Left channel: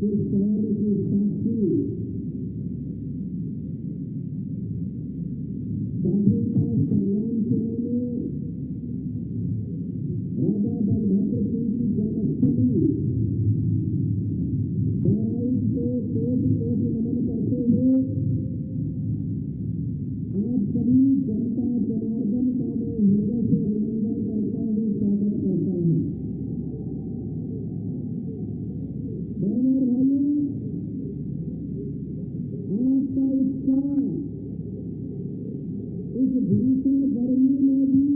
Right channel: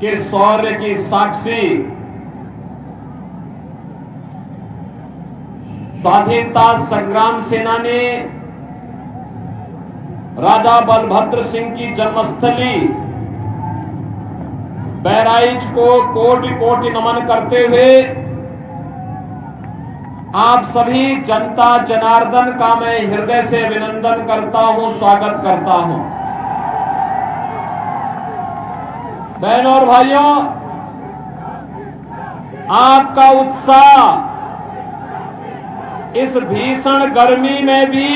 के शौर्य की साक्षी स्वाधीनता संग्राम सेनानी राजा बलभद्र सिंह की जन्मस्थली बहराइच को कोटि कोटि नमन करते हुए आप सभी जनता जनार्दन का मैं हृदय से अभिनंदन करता हूं, स्वागत करता हूं। बहनों और भाइयों, आपका उत्साह इस भीषण गर्मी में भी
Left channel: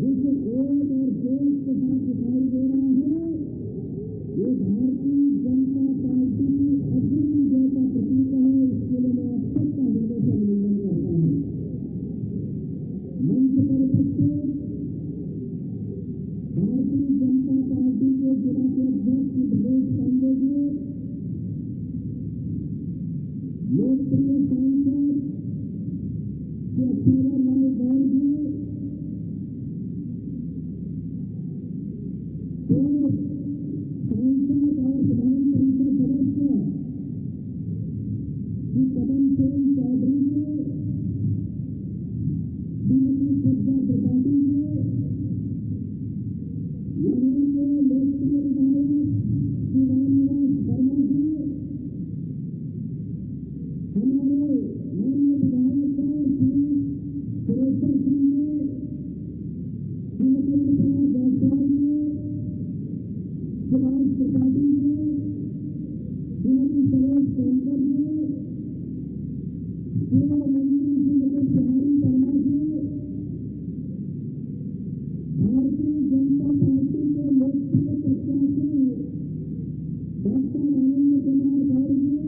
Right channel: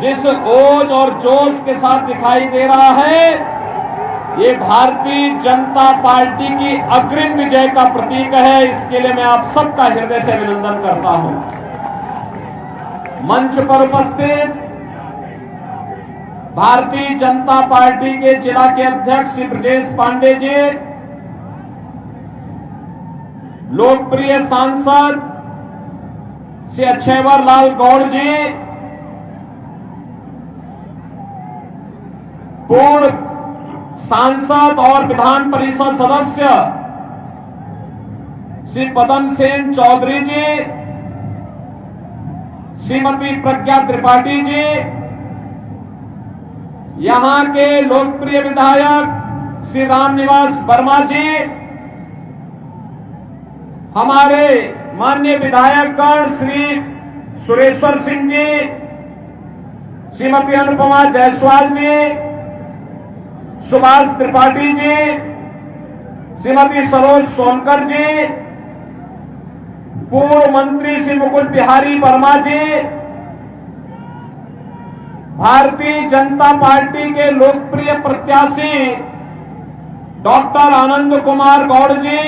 जिस ओज और जोश के साथ दिखाई दे रहा है, ये भारतीय जनता पार्टी की अग्रिम विजय का प्रतीक है। इसके लिए मैं आप सबका हृदय से अभिनंदन करता हूं। मंच पर उपस्थित भारतीय जनता पार्टी के जिला के अध्यक्ष श्री ब्रजेश पांडे जी, लोकप्रिय सांसद श्री अक्षयवर लाल गौड़ जी, पूर्व सांसद और विधान परिषद सदस्य श्री पदम सेन चौधरी जी, श्रीमती प्रज्ञा त्रिपाठी जी, यहां के लोकप्रिय विधायक श्री रामनिवास वर्मा जी, हमारे माननीय विधायकगण श्री सुरेश्वर सिंह जी, श्रीमती अनुपमा जायसवाल जी, सुभाष त्रिपाठी जी, श्रीमती सरोज सोनकर जी, पूर्व मंत्री श्री मुकुट बिहारी वर्मा जी, भारतीय जनता पार्टी के लोकप्रिय प्रत्याशी डॉक्टर आनंद कुमार गौड़ जी,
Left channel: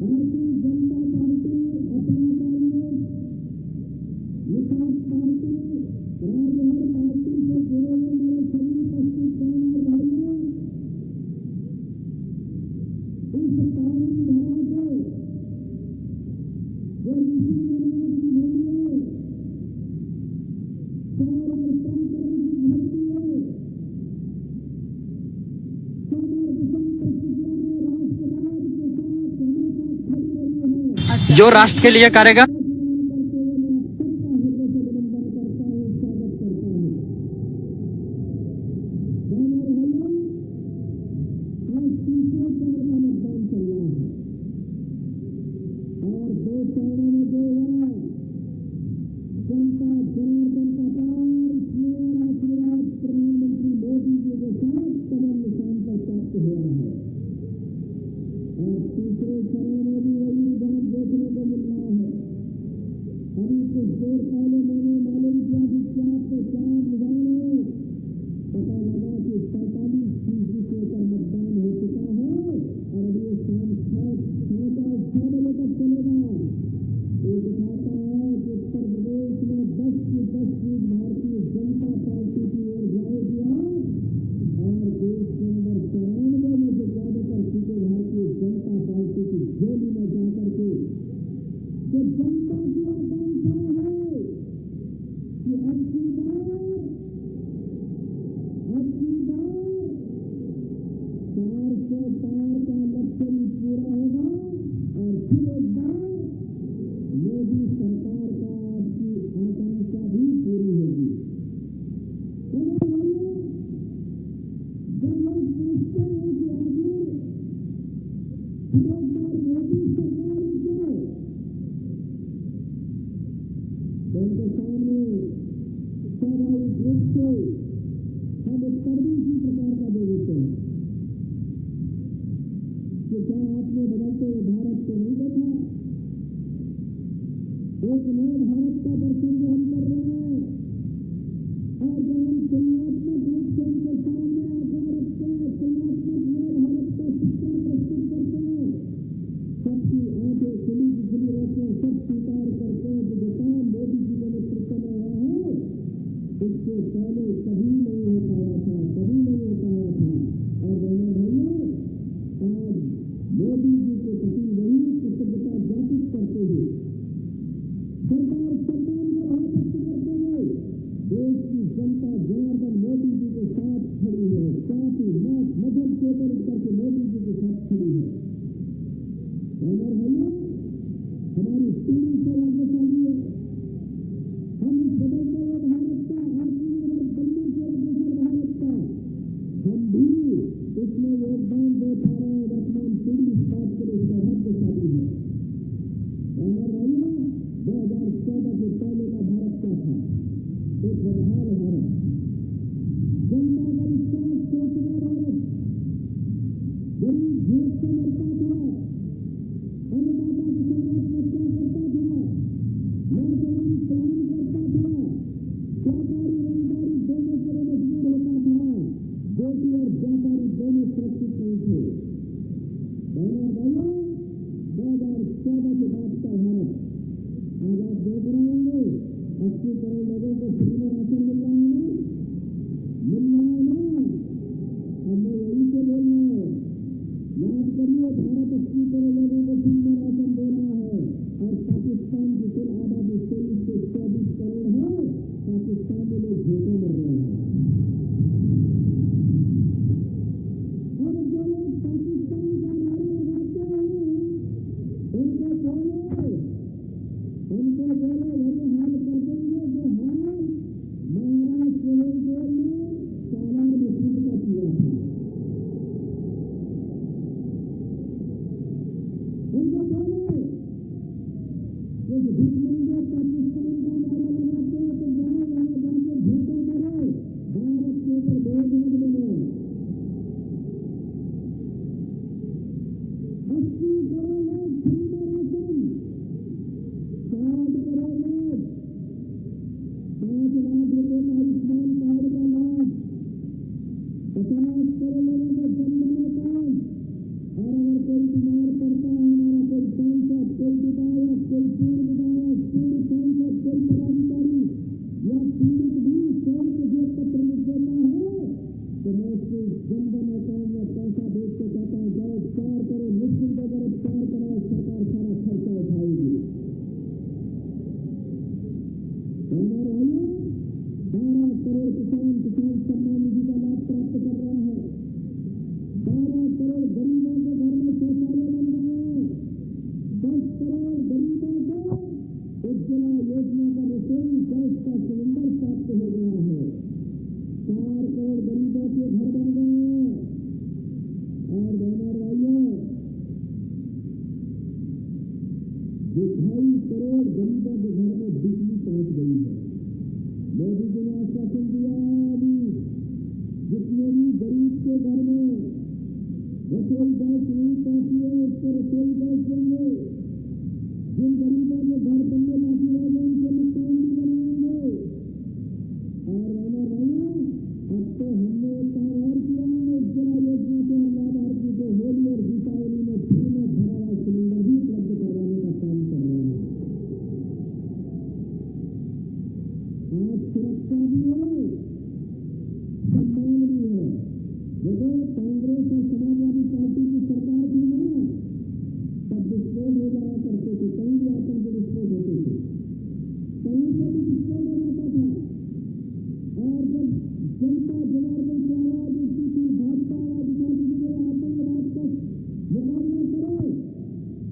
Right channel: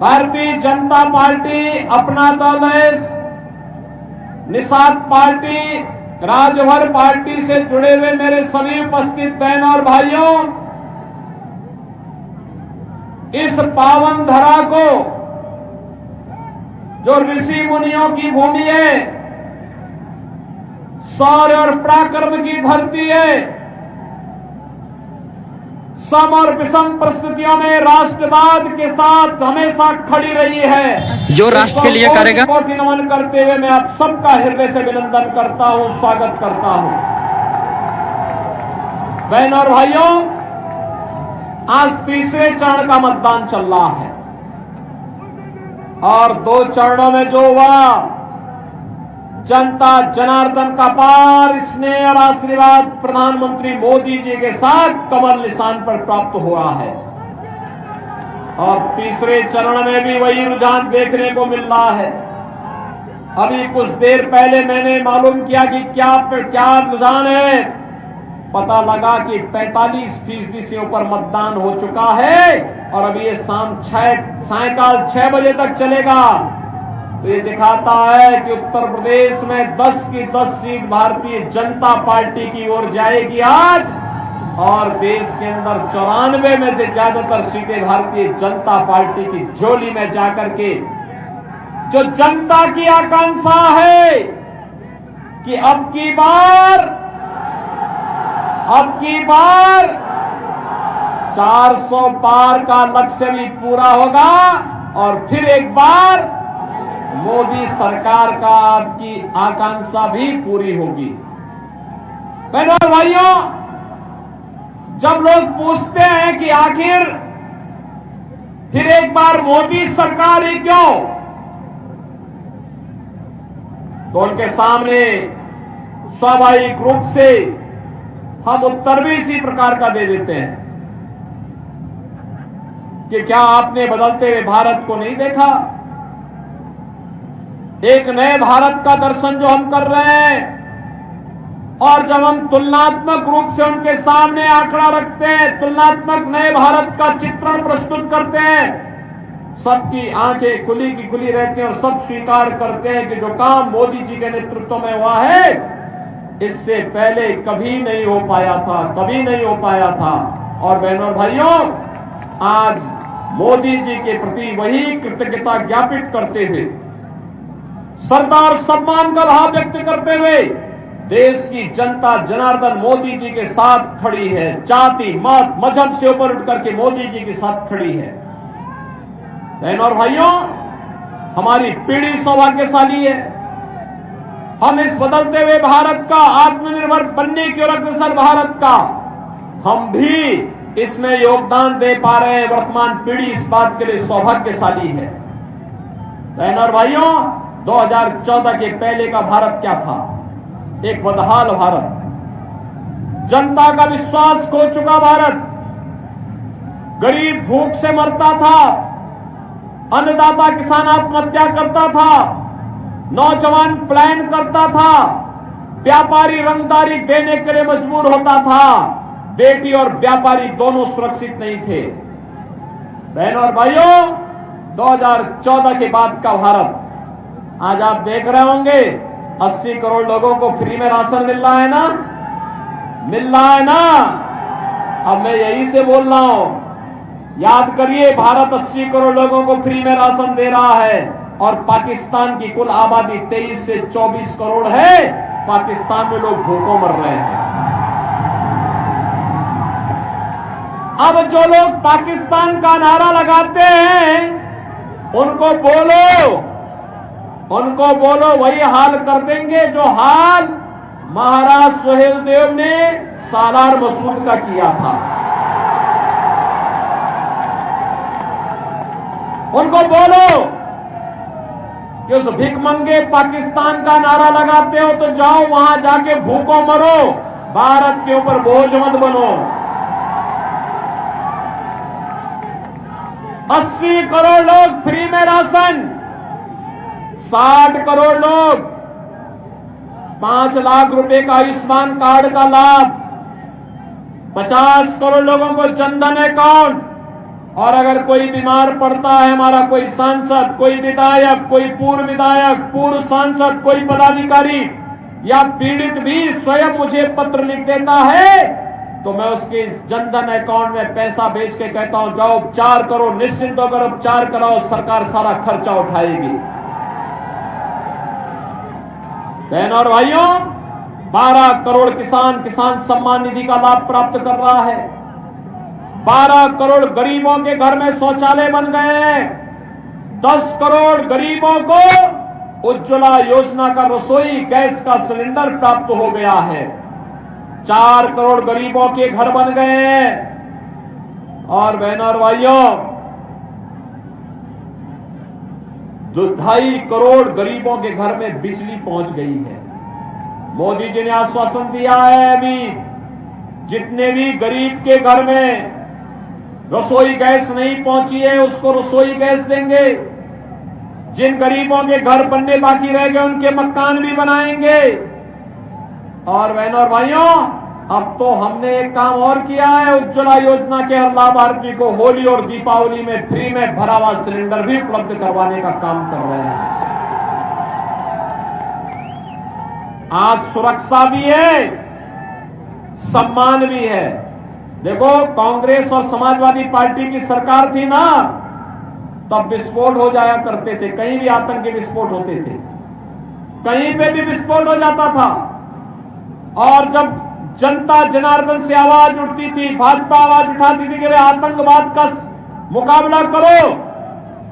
भारतीय जनता पार्टी अपना दल है, निषाद पार्टी, राजभर पार्टी से जुड़े हुए मेरे सभी उपस्थित बहनों और भाइयों, इस पावन धरा को जो ऋषि मुनियों की भूमि है, शौर्य और पराक्रम की धरती है, सम और विषम परिस्थितियों में राष्ट्रवाद के साथ हमेशा खड़ी रही है, जो राष्ट्र के लिए करेगा। कोटि नमन करते हुए मैं आप सबका हृदय से अभिनंदन करता हूं, स्वागत करता हूं। बहनों और भाइयों, आज तीसरे चरण का मतदान चल रहा है और 2 चरणों में जो हुआ, जनता जनार्दन का पार स्नेह और आशीर्वाद प्रधानमंत्री मोदी जी के साथ कमल निशान पर प्राप्त हुआ है और तीसरे चरण में भी वही रुझान देखने को मिल रहा है। अभी कुछ देर पहले मैंने मालूम किया कि क्या रुझान है, पता लगा कि 45% से ऊपर मतदान हो चुका है और अभी ये सायंकाल 6 बजे तक चलेगा। तो ये दिखाता है कि उत्तर प्रदेश में 10 की 10 सीट भारतीय जनता पार्टी की ओर जाएगी आज, और देश के अंदर 94 में से ज्यादातर सीटें भारतीय जनता पार्टी की झोली में जाकर के जो जनता की आकांक्षा है कि अब की बार 400 पार का लक्ष्य भी पूरा होगा और फिर एक बार मोदी सरकार का आपकी आकांक्षा भी पूरी होगी। बहनों और भाइयों, जब लोग पूछते हैं कि आखिर फिर एक बार मोदी सरकार ही क्यों, तो उनके सामने स्वाभाविक रूप से हम उत्तर भी इसी प्रकार का दे देते हैं कि क्या आपने बदलते हुए भारत को नहीं देखा? एक नए भारत का दर्शन जो हम कर रहे हैं, और जब हम तुलनात्मक रूप से उनके सामने आंकड़ा रखते हैं, तुलनात्मक नए भारत का चित्रण प्रस्तुत करते हैं, सबकी आंखें खुली की खुली रहती हैं और सब स्वीकार करते हैं कि जो काम मोदी जी के नेतृत्व में हुआ है, इससे पहले कभी नहीं हो पाया था। और बहनों और भाइयों, आज मोदी जी के प्रति वही कृतज्ञता ज्ञापित करते हुए, श्रद्धा और सम्मान का भाव व्यक्त करते हुए देश की जनता जनार्दन मोदी जी के साथ खड़ी है। जाति मत मजहब से ऊपर उठ करके मोदी जी के साथ खड़ी है। बहन और भाइयों, हमारी पीढ़ी सौभाग्यशाली है। हम इस बदलते हुए भारत का, आत्मनिर्भर बनने की ओर अग्रसर भारत का, हम भी इसमें योगदान दे पा रहे हैं। वर्तमान पीढ़ी इस बात के लिए सौभाग्यशाली है। बहन और भाइयों, 2014 के पहले का भारत क्या था? एक बदहाल भारत, जनता का विश्वास खो चुका भारत, गरीब भूख से मरता था, अन्नदाता किसान आत्महत्या करता था, नौजवान प्लान करता था, व्यापारी रंगदारी देने के लिए मजबूर होता था, बेटी और व्यापारी दोनों सुरक्षित नहीं थे। बहनों और भाइयों, 2014 के बाद का भारत, आज आप देख रहे होंगे 80 करोड़ लोगों को फ्री में राशन मिल रहा है ना, मिल रहा है ना। अब मैं यही से बोल रहा हूं, याद करिए, भारत 80 करोड़ लोगों को फ्री में राशन दे रहा है और पाकिस्तान की कुल आबादी 23 से 24 करोड़ है। पाकिस्तान में लोग भूखों मर रहे हैं। अब जो लोग पाकिस्तान का नारा लगाते हैं, उनको बोलो वही हाल कर देंगे जो हाल महाराज सुहेलदेव ने सालार मसूद का किया था। उनको बोलो कि उस भिखमंगे पाकिस्तान का नारा लगाते हो तो जाओ वहां जाके भूखों मरो, भारत के ऊपर बोझ मत बनो। 80 करोड़ लोग फ्री में राशन, 60 करोड़ लोग 5 लाख रुपए का आयुष्मान कार्ड का लाभ, 50 करोड़ लोगों को जनधन अकाउंट, और अगर कोई बीमार पड़ता है, हमारा कोई सांसद, कोई विधायक, कोई पूर्व विधायक, पूर्व सांसद, कोई पदाधिकारी या पीड़ित भी स्वयं मुझे पत्र लिख देता है, तो मैं उसके जनधन अकाउंट में पैसा भेज के कहता हूं जाओ उपचार करो, निश्चिंत होकर उपचार कराओ, सरकार सारा खर्चा उठाएगी। बहनों और भाइयों, 12 करोड़ किसान सम्मान निधि का लाभ प्राप्त कर रहा है। 12 करोड़ गरीबों के घर में शौचालय बन गए हैं। 10 करोड़ गरीबों को उज्ज्वला योजना का रसोई गैस का सिलेंडर प्राप्त हो गया है। 4 करोड़ गरीबों के घर बन गए हैं। और बहनों और भाइयों, 2.5 करोड़ गरीबों के घर में बिजली पहुंच गई है। मोदी जी ने आश्वासन दिया है, अभी जितने भी गरीब के घर में रसोई गैस नहीं पहुंची है उसको रसोई गैस देंगे। जिन गरीबों के घर बनने बाकी रह गए उनके मकान भी बनाएंगे। और बहनों और भाइयों, अब तो हमने एक काम और किया है, उज्ज्वला योजना के हर लाभार्थी को होली और दीपावली में फ्री में भरा हुआ सिलेंडर भी उपलब्ध करवाने का काम कर रहे हैं। आज सुरक्षा भी है, सम्मान भी है। देखो, कांग्रेस और समाजवादी पार्टी की सरकार थी ना, तब विस्फोट हो जाया करते थे, कहीं भी आतंकी विस्फोट होते थे, कहीं पे भी विस्फोट हो जाता था। और जब जनता जनार्दन से आवाज उठती थी, भाजपा आवाज उठाती थी कि आतंकवाद का मुकाबला करो,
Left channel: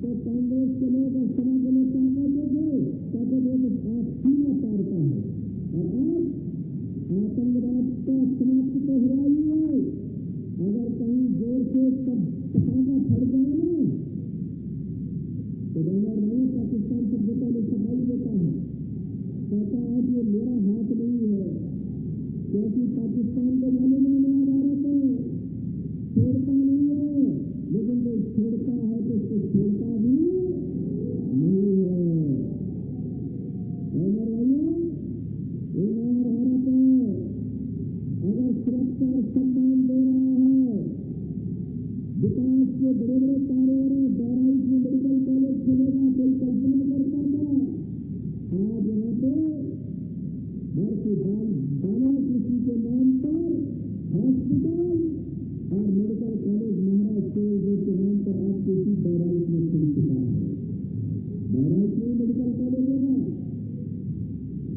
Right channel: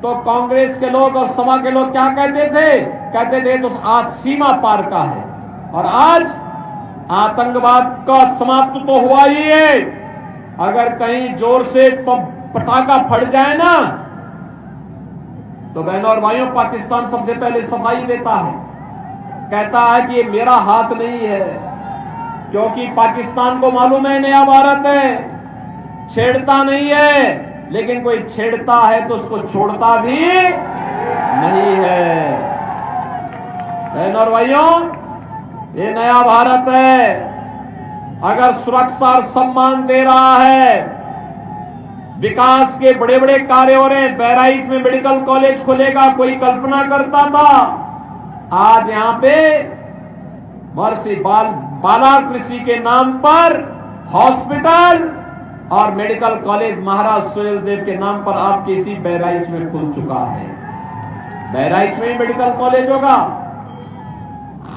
तो कांग्रेस के लोग और सपा के लोग क्या कहते थे तो आज सीमा पार का है। और आज आतंकवाद का समाप्त तो हुआ ही है। अगर कहीं जोर से पटाखा फट जाए ना, तो बहनों और भाइयों, पाकिस्तान सबसे पहले सफाई देता है, कहता है कि ये मेरा हाथ नहीं है, क्योंकि पाकिस्तान को मालूम है नया भारत है, छेड़ता नहीं है, लेकिन कोई छेड़ता है तो उसको छोड़ता भी नहीं है। बहनों और भाइयों, ये नया भारत है। अगर सुरक्षा और सम्मान दे रहा है, विकास के बड़े बड़े कार्य हो रहे हैं, बहराइच में मेडिकल कॉलेज खुलेगा, कोई कल्पना करता था? आज यहां पे महर्षि बाला कृषि के नाम पर हॉस्पिटल और मेडिकल कॉलेज महाराज सुहेलदेव के नाम पर आपके इसी बहराइच में खुल चुका है। बहराइच में ही मेडिकल कॉलेज होगा।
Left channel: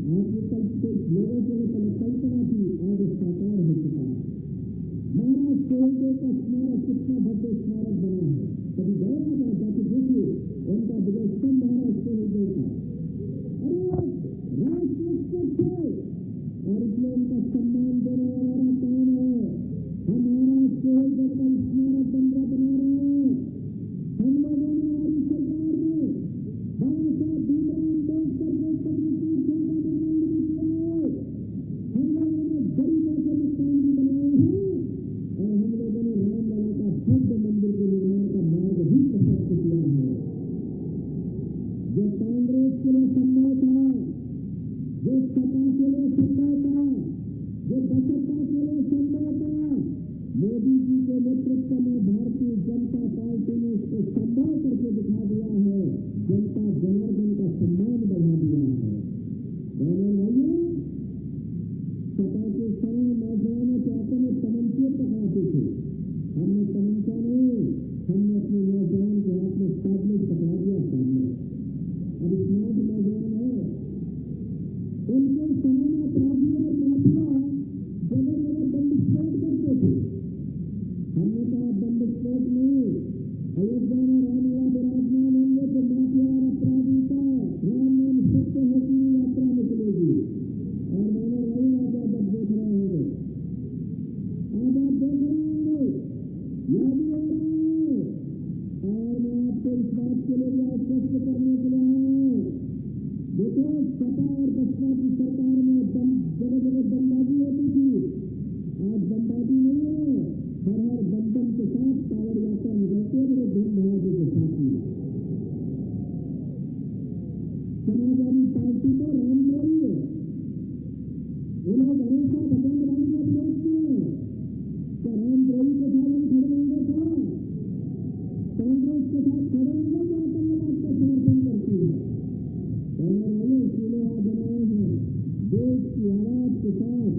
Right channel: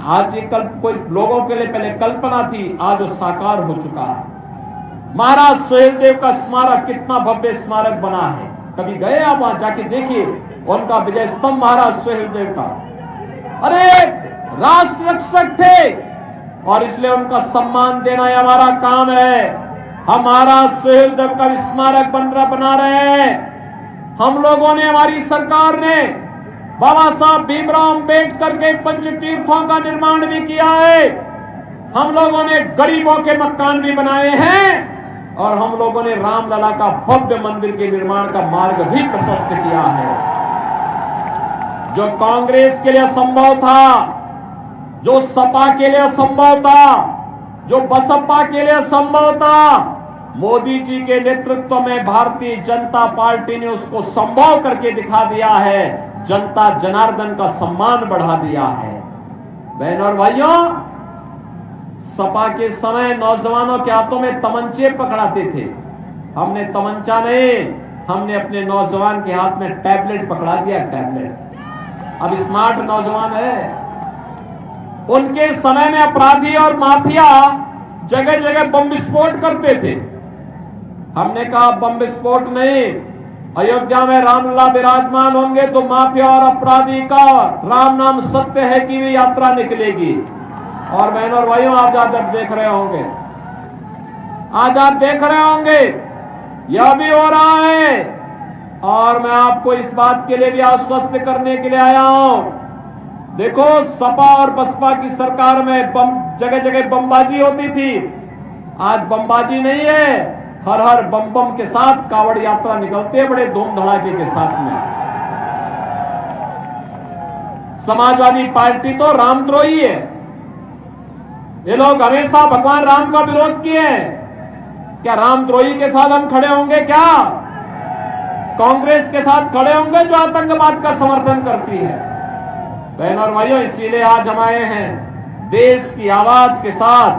आज ये कोई लोगों के लिए पहले कल्पना थी, आज वो साकार हो चुका है। महाराज सुहेलदेव का स्मारक कितना भव्य स्मारक बना है, कभी गए आप वहां जाके देखिए उनका विजय स्तंभ महाराज सुहेलदेव का। अरे राष्ट्र रक्षक थे और इसलिए उनका सम्मान देना ही हमारा काम है। हम महाराज सुहेलदेव का स्मारक बना रहे हैं। हम लोगों ने, हमारी सरकार ने बाबा साहब भीमराव अंबेडकर के पंच तीर्थों का निर्माण भी किया है। हम लोगों ने गरीबों के मकान भी बनाए हैं और हम लोगों ने रामलला का भव्य मंदिर के निर्माण का मार्ग भी प्रशस्त किया है। जो कांग्रेस के लिए असंभव था, जो सपा के लिए असंभव था, जो बसपा के लिए असंभव था, मोदी जी के नेतृत्व में भारतीय जनता पार्टी ने उसको संभव करके दिखा दिया है। जनता जनार्दन का सम्मान बढ़ा दिया है। बहनों और भाइयों, सपा के समय नौजवानों के हाथों में तमंचे पकड़ाते थे। हमने तमंचा नहीं, हमने अपने नौजवान के हाथ में टैबलेट पकड़ा दिया। टैबलेट अब स्मार्ट नौजवान है। उनके समय में अपराधी और माफिया जगह जगह बम विस्फोट करते थे। हमने कहा बम विस्फोट नहीं, अयोध्या में रामलला विराजमान होंगे तो माफिया और अपराधी का राम नाम सत्य है की भी यात्रा निकलेगी। और बहनों और भाइयों, आज आप देख रहे होंगे, आज आप देख रहे होंगे यह भी हो रहा है। और मैं आपको इस बात के लिए भी आश्वस्त करने के लिए आया हूं। देखो, सपा और बसपा की सरकार में बम जगह जगह बमबाजी होती थी, आज बमबाजी नहीं है। हर हर बम बम के साथ कावड़ यात्रा निकलते हैं बड़े धूम धड़ाके के साथ में। समाजवादी पार्टी तो रामद्रोही है। ये लोग हमेशा भगवान राम का विरोध किए हैं। क्या रामद्रोही के साथ हम खड़े होंगे? क्या कांग्रेस के साथ खड़े होंगे जो आतंकवाद का समर्थन करती है? बहनों और भाइयों, इसीलिए आज हम आए हैं। देश की आवाज के साथ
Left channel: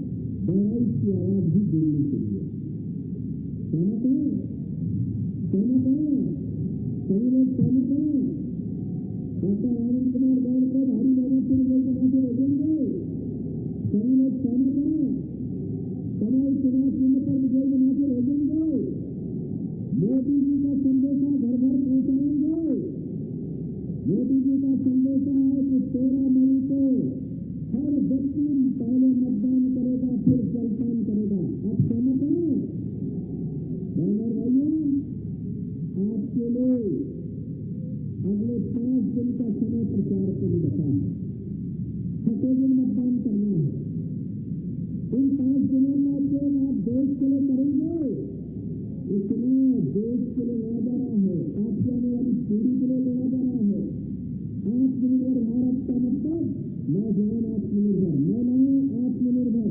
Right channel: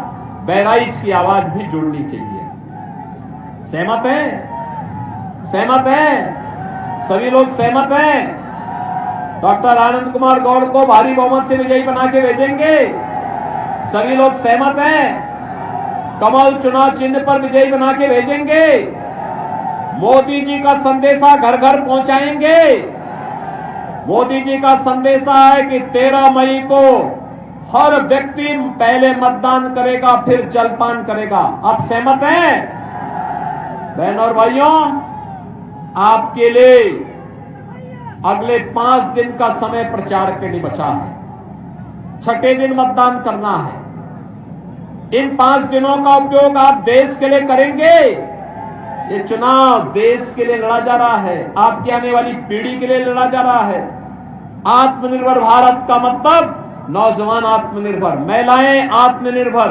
बहराइच की आवाज भी जुड़नी चाहिए। सहमत हैं? सहमत हैं? सभी लोग सहमत हैं? डॉक्टर आनंद कुमार गौड़ को भारी बहुमत से विजयी बना के भेजेंगे। सभी लोग सहमत हैं? कमल चुनाव चिन्ह पर विजयी बना के भेजेंगे। मोदी जी का संदेशा घर घर पहुंचाएंगे। मोदी जी का संदेशा है कि 13 मई को हर व्यक्ति पहले मतदान करेगा, फिर जलपान करेगा। आप सहमत हैं? बहनों और भाइयों, आपके लिए अगले 5 दिन का समय प्रचार के लिए बचा है। छठे दिन मतदान करना है। इन 5 दिनों का उपयोग आप देश के लिए करेंगे। ये चुनाव देश के लिए लड़ा जा रहा है, आपकी आने वाली पीढ़ी के लिए लड़ा जा रहा है। आत्मनिर्भर भारत का मतलब नौजवान आत्मनिर्भर, महिलाएं आत्मनिर्भर,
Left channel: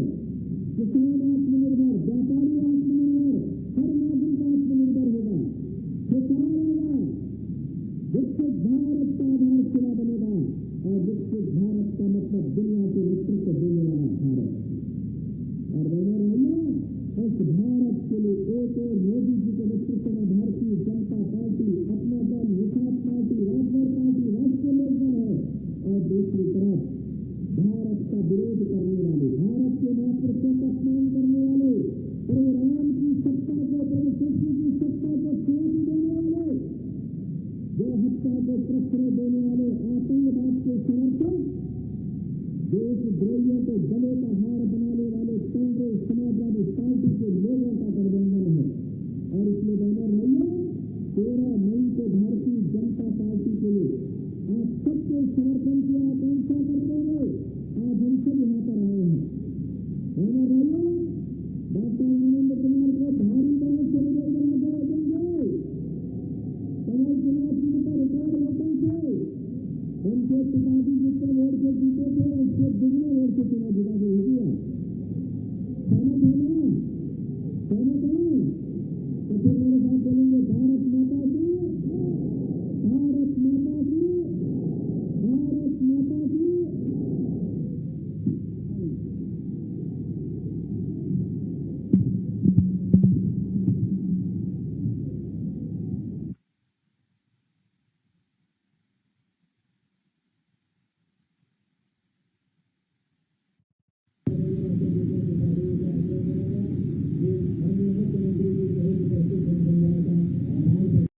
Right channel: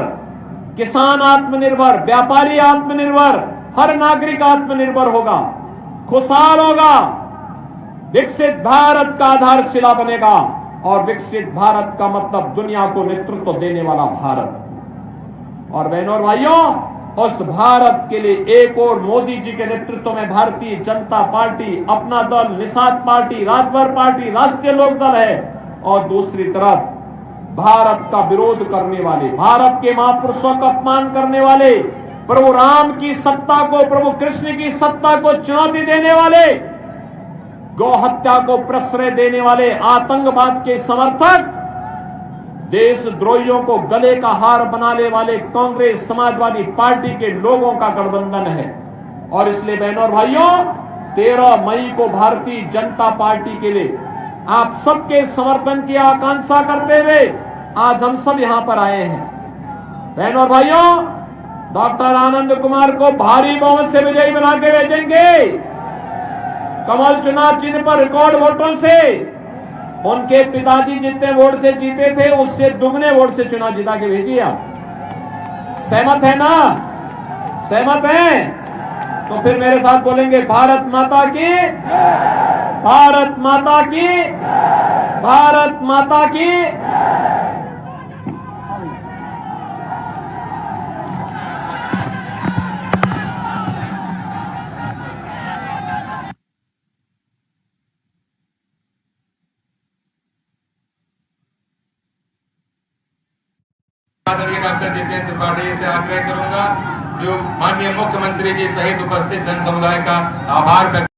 किसान आत्मनिर्भर, व्यापारी आत्मनिर्भर, हर नागरिक आत्मनिर्भर होगा, खुशहाल होगा, विकसित भारत का आधारशिला बनेगा। और विकसित भारत का मतलब दुनिया को नेतृत्व देने वाला भारत। और बहनों और भाइयों, उस भारत के लिए एक और मोदी जी के नेतृत्व में भारतीय जनता पार्टी, अपना दल, निषाद पार्टी, राजभर पार्टी, राष्ट्रीय लोकदल है। और दूसरी तरफ भारत का विरोध करने वाले, भारत के महापुरुषों का अपमान करने वाले, प्रभु राम की सत्ता को, प्रभु कृष्ण की सत्ता को चुनौती देने वाले, गौ हत्या को प्रश्रय देने वाले, आतंकवाद के समर्थक, देशद्रोहियों को गले का हार बनाने वाले कांग्रेस समाजवादी पार्टी के लोगों का गठबंधन है। और इसलिए बहनों और भाइयों, 13 मई को भारतीय जनता पार्टी के लिए आप सबके समर्थन की आकांक्षा करते हुए आज हम सब यहां पर आए हैं। बहनों और भाइयों, डॉक्टर आनंद कुमार को भारी बहुमत से विजयी बना के भेजेंगे। कमल चुनाव चिन्ह पर रिकॉर्ड वोटों से, उनके पिताजी जितने वोट से जीते थे उससे दुगने वोट से चुनाव जिता के भेजिए आप। सहमत है ना? सहमत हैं? तो फिर मेरे साथ बोलेंगे, भारत माता की, भारत माता की, भारत माता की। जो माननीय मुख्यमंत्री जी सहित उपस्थित जन समुदाय का आभार व्यक्त